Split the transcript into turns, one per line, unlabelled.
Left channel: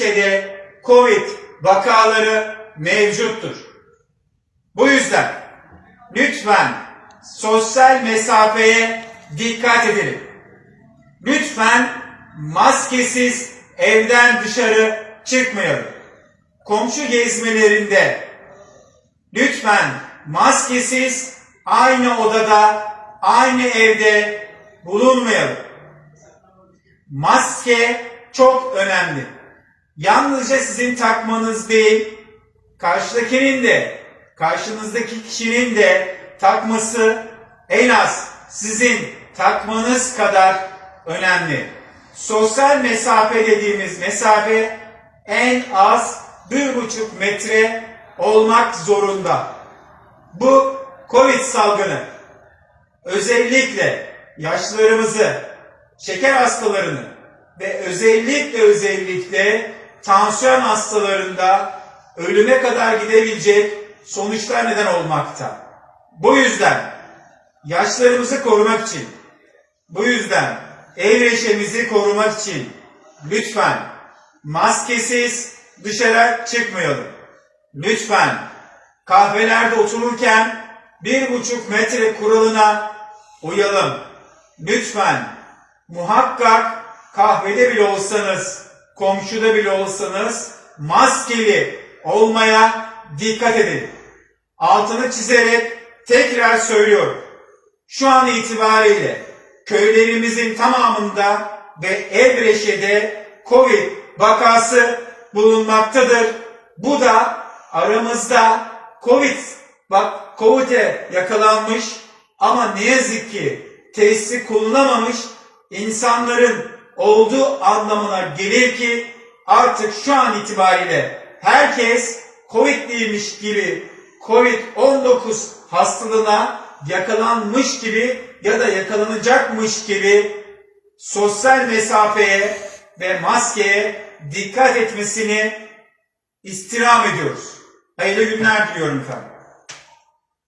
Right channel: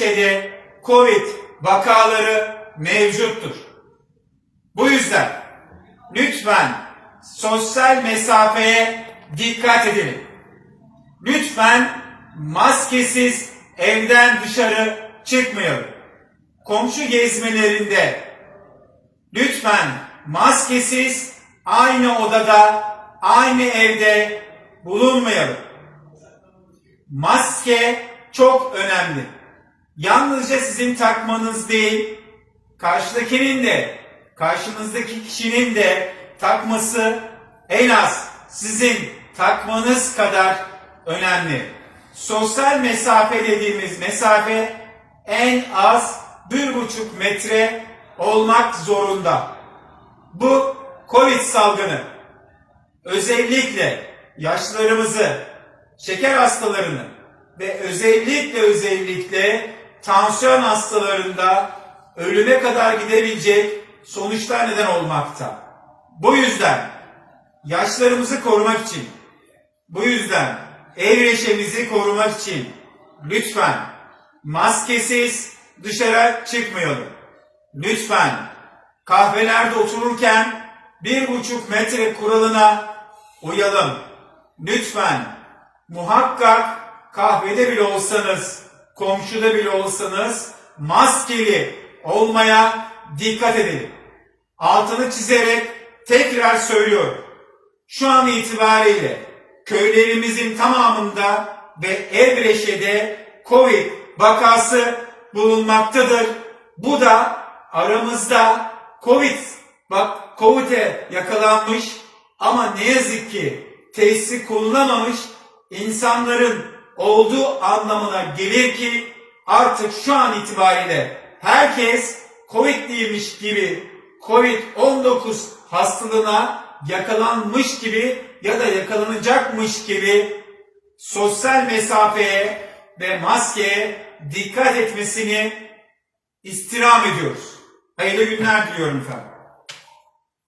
Evreşe'de Covid vakaları mevcuttur. Bu yüzden lütfen sosyal mesafeye dikkat edelim. Lütfen maskesiz evden dışarı çıkmayalım. Komşu gezmelerinde lütfen maskesiz aynı odada, aynı evde bulunmayalım. Maske çok önemli. Yalnızca sizin takmanız değil, karşıdakinin de, karşınızdaki kişinin de takması en az sizin takmanız kadar önemli. Sosyal mesafe dediğimiz mesafe en az bir buçuk metre olmak zorunda. Bu Covid salgını özellikle yaşlılarımızı, şeker hastalarını ve özellikle özellikle tansiyon hastalarında ölüme kadar gidebilecek sonuçlar neden olmakta. Bu yüzden yaşlarımızı korumak için, bu yüzden ev reşemizi korumak için lütfen maskesiz dışarı çıkmayalım. Lütfen kahvelerde otururken bir buçuk metre kuralına uyalım. Lütfen muhakkak kahvede bile olsanız, komşuda bile olsanız maskeli olmaya dikkat edin. Altını çizerek tekrar söylüyorum. Şu an itibariyle köylerimizin tamamında ve Evreşe'de Covid vakası bulunmaktadır. Bu da aramızda Covid bak Covid'e yakalanmış ama ne yazık ki tesisi kullanamamış insanların olduğu anlamına gelir ki artık şu an itibariyle herkes Covid'liymiş gibi Covid-19 hastalığına yakalanmış gibi ya da yakalanacakmış gibi sosyal mesafeye ve maskeye dikkat etmesini istirham ediyoruz. Hayırlı günler diliyorum efendim.